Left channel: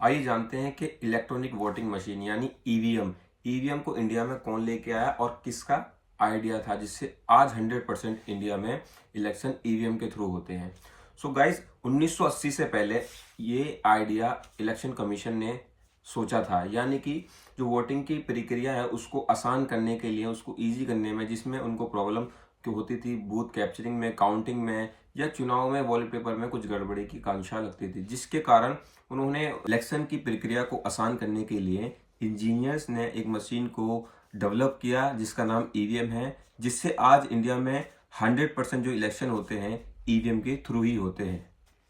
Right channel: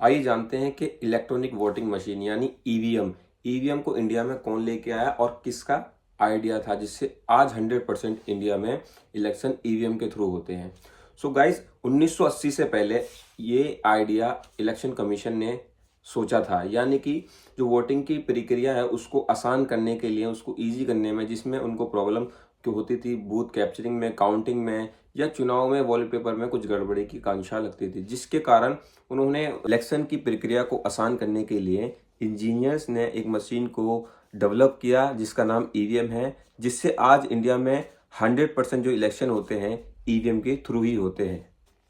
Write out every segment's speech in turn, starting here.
आइए जानते हैं कि इलेक्ट्रॉनिक वोटिंग मशीन यानी ईवीएम को इंडिया में कौन लेके आया और किसका आइडिया था जिससे आज 100% इंडिया में इलेक्शन ईवीएम के थ्रू होते हैं। सो गाइस 1980 से पहले ये आइडिया इलेक्शन कमीशन ने सोचा था, यानी कि जो वोटिंग की प्रक्रिया है उसको आसान करने के लिए, उसको इजी करने में, जिसमें उनको प्रॉब्लम क्यों होती थी बूथ कैप्चरिंग में, काउंटिंग में या चुनाव में वॉलेट पेपर में कुछ गड़बड़ी की आशंका लगती थी, जिसके कारण उन्होंने इलेक्शन की प्रक्रिया को आसान करने के लिए इंजीनियर्स ने एक मशीन को डेवलप किया जिसका नाम ईवीएम है, जिससे आज इंडिया में 100% जो इलेक्शन होते हैं ईवीएम के थ्रू ही होते हैं।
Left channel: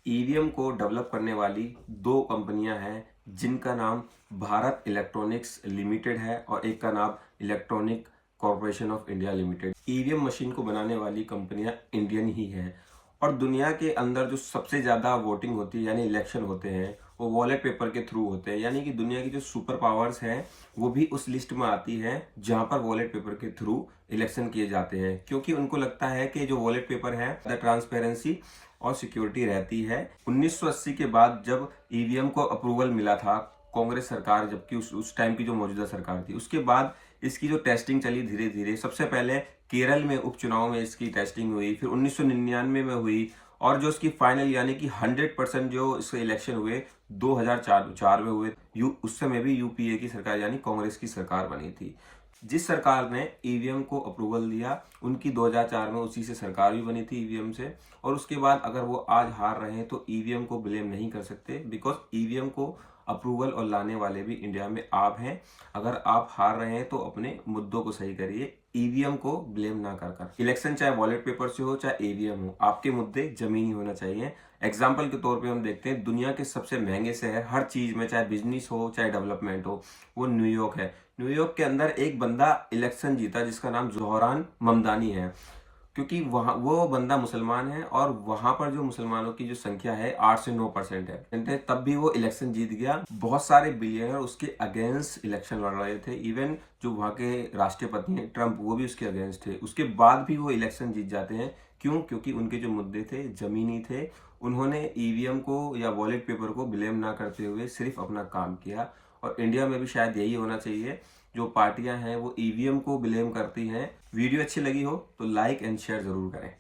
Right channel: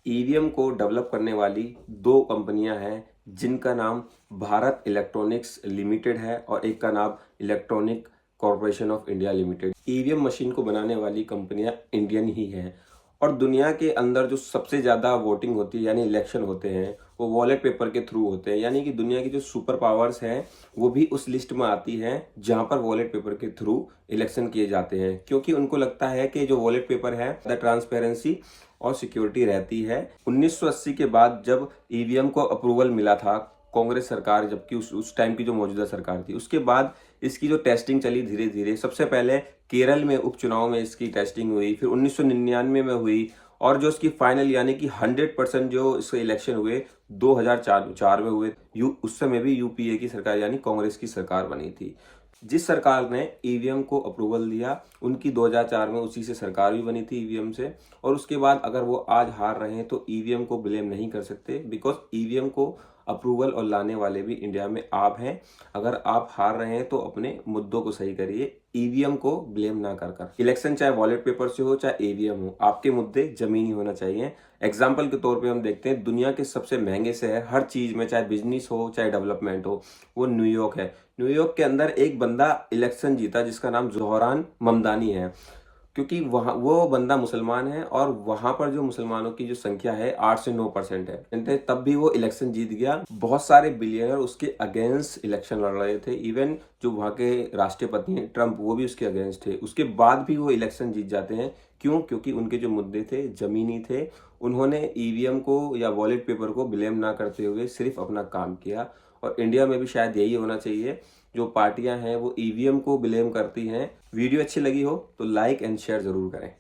ईवीएम को डेवलप करने वाली दो कंपनियां हैं जिनका नाम भारत इलेक्ट्रॉनिक्स लिमिटेड है और एक का नाम electronic corporation of India limited. EVM machine को बनाने वाली कंपनियां इंडियन ही हैं और दुनिया के अंदर जो सबसे ज्यादा वोटिंग होती है यानी इलेक्शन होते हैं वो वॉलेट पेपर के थ्रू होते हैं, यानी कि दुनिया की जो सुपर पावर्स हैं वो भी उस लिस्ट में आती हैं जहां पर वॉलेट पेपर के थ्रू इलेक्शन किए जाते हैं, क्योंकि उनको लगता है कि जो वॉलेट पेपर है ट्रांसपेरेंसी और सिक्योरिटी रहती है। 1980 के बाद जब ईवीएम को अप्रूवल मिला था कांग्रेस सरकार, जबकि उस टाइम की जो मौजूदा सरकार थी, उसके बाद इसकी जो टेस्टिंग चली धीरे धीरे, सबसे पहले केरल में उपचुनाव में इसकी टेस्टिंग हुई, फिर 1999 में हुई और जो इसकी फाइनल यानी कि 100% जो इसके इलेक्शन हुए 2004 में हुए। उस समय भी यूपीए की सरकार यानी कांग्रेस की सरकार बनी थी। जिस सरकार ने ईवीएम को अप्रूवल दिया उनकी 2004 में उसी से सरकार भी बनी थी ईवीएम से, और उसके बाद अगर वो आज हार रहे हैं तो ईवीएम को ब्लेम नहीं कर सकते, बिकॉज ईवीएम को अप्रूवल और लाने वाले भी इंडिया में आप हैं। अगर आप हार रहे हैं तो अपने मुद्दों को सही करिए, ईवीएम को ब्लेम ना कर। इलेक्शन चाहे वॉलेट पेपर से हो चाहे ईवीएम हो, आपके मुद्दे जमीनी होना चाहिए। एग्जाम्पल के तौर पे हम देखते हैं दुनिया के सबसे महंगे शहर हर चीज में, चाहे बिजनेस हो चाहे डेवलपमेंट हो, वो न्यूयॉर्क है। न्यूयॉर्क के अंदर एक बंदा इलेक्शन जीता जिसका नाम जोहरान ममदानी है, क्योंकि वहां वो बंदा मुसलमान है और वहां पर जो मुसलमानों की जो संख्या है 8 से 9% है, तब भी वो इलेक्शन जीत गया। बहुत सारे बिलियनर उसके अगेंस्ट इलेक्शन लड़ रहे थे, इवन जो वहां के राष्ट्रपति हैं ट्रंप, वो भी उसके अगेंस्ट थे, उसके बाद भी वो इलेक्शन जीत जाते हैं। क्यों? क्योंकि उनके जो मुद्दे थे जमीनी थे। उन्होंने ईवीएम को या वॉलेट पेपर को ब्लेम ना करते हुए सिर्फ अपना काम किया। और इंडिया में भी शायद यही होना चाहिए। जो पार्टियां हैं वो ईवीएम को ब्लेम करती हैं। वीडियो अच्छी लगी हो तो लाइक एंड शेयर जरूर करें।